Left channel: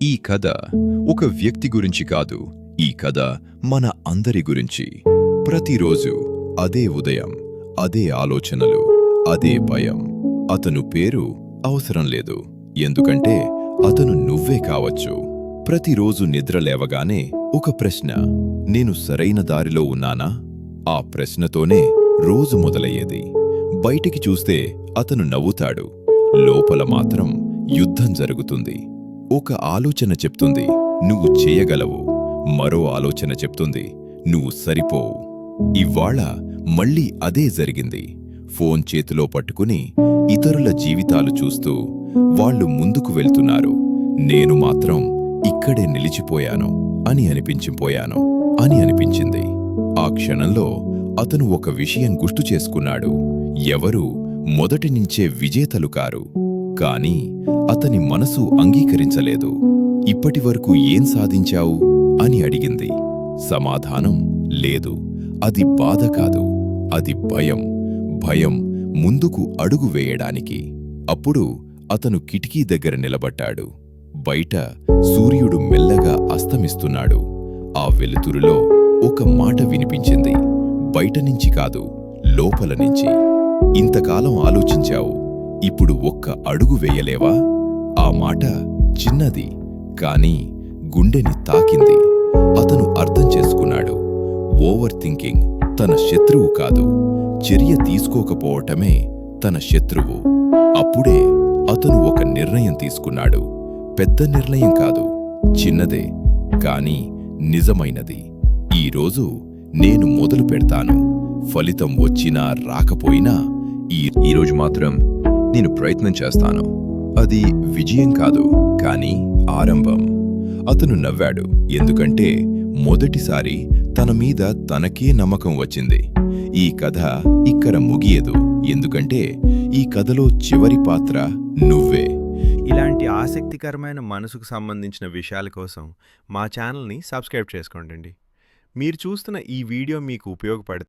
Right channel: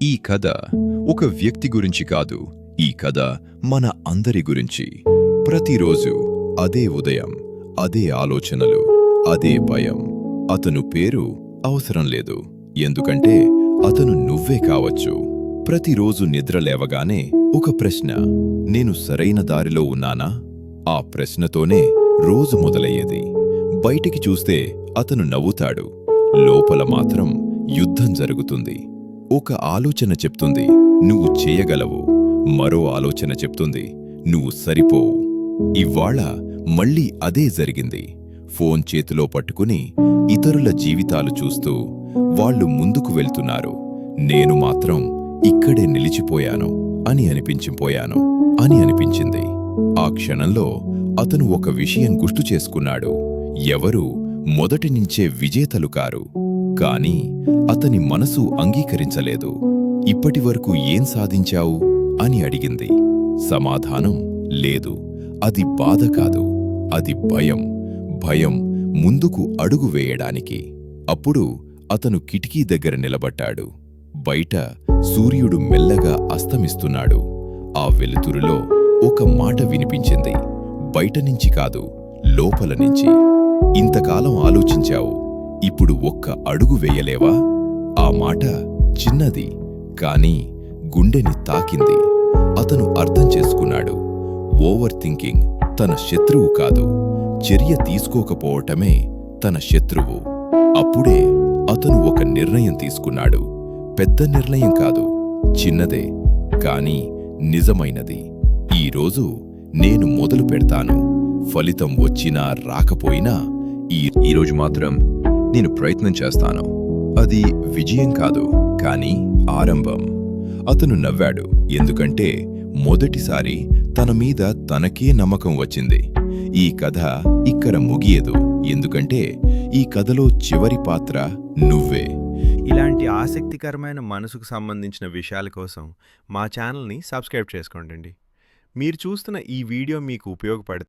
ఈ కథ ఒక వ్యక్తి గురించి కాదు, ఈ కథ మన అందరి గురించి. ప్రతిరోజు అదే ఉదయం, అదే ఆలోచనలు, అదే భయం. అతను పేరు అవసరం లేదు, ఎందుకంటే అతను నువ్వే కావచ్చు. ప్రతిరోజు నిద్ర లేవగానే ఒక ప్రశ్న, నేను సరైన దారిలో ఉన్నానా? ఆ ప్రశ్నతోనే రోజు మొదలయ్యేది. బయటికి చూస్తే అతను నవ్వుతాడు, లోపల మాత్రం యుద్ధం జరుగుతుంది. ఒక ఆలోచన చెప్తుంది, నువ్వు చేయగలవు. మరో ఆలోచన చెప్తుంది, నువ్వు సరిపోవు. ఇవ్వాళ మళ్ళీ అదే జరిగింది. ఫోన్ చేతిలో పట్టుకుని ఇతరుల జీవితాలు చూస్తూ వాళ్ళు ముందుకు వెళ్తున్నారు, నేను మాత్రం ఇక్కడే నిలిచిపోయాను అని అనిపించింది. ఆ క్షణంలో అతను ఒక విషయం గుర్తు చేసుకున్నాడు. ఎవరూ మొదటినుంచే విజేతలు కారు, కాని అతని మనసు అంగీకరించలేదు. ఇప్పటివరకు ఏం సాధించావు అని అడిగింది. సమాధానం లేదు. అది బాధ కాదు, అది భయం. భయం ముందుకు అడుగు వేయడానికి. అప్పుడు అతను కిటికీ దగ్గర నిలబడ్డాడు. బయట సూర్యుడు మెల్లగా అస్తమిస్తున్నాడు. ఆ వెలుతురులో ఒక మాట వినిపించింది, బయటనుంచి కాదు, లోపల నుంచి. ఇంతకాలం ఆలోచించావు, ఇప్పుడు ఒక్క అడుగు వేయలేవా? ఆ మాట చిన్నది, కాని గుండెని తాకింది. అతను అర్థం చేసుకున్నాడు, ఓవర్ థింకింగ్ తన శత్రువు కాదు, చర్య తీసుకోకపోవటమే తన శత్రువు. అప్పుడే అతను ఒక నిర్ణయం తీసుకున్నాడు. పెద్ద నిర్ణయం కాదు, చిన్నదే, కాని నిజమైనది. ఈరోజు నేను మొదలు పెడతాను. ఫలితం వచ్చినా రాకపోయినా ఈరోజు మాత్రం నేను ప్రయత్నం చేస్తాను. అది విజయం కాదు, కాని ఆరంభం. అతను నవ్వాడు, ఎందుకంటే మొదటిసారి తన మీద తనకే నమ్మకం వచ్చింది. ఈ కథ ఇక్కడ ముగియదు, ఎందుకంటే ఈ కథలో చివరి పాత్ర నువ్వే. ఇలాంటి ఆసక్తికరమైన మనసుకు సంబంధించిన విషయాల కోసం మా ఛానల్ని సబ్స్క్రైబ్ చేసుకోండి. మీరు చూస్తున్న ఈ వీడియో మీకు ఉపయోగపడితే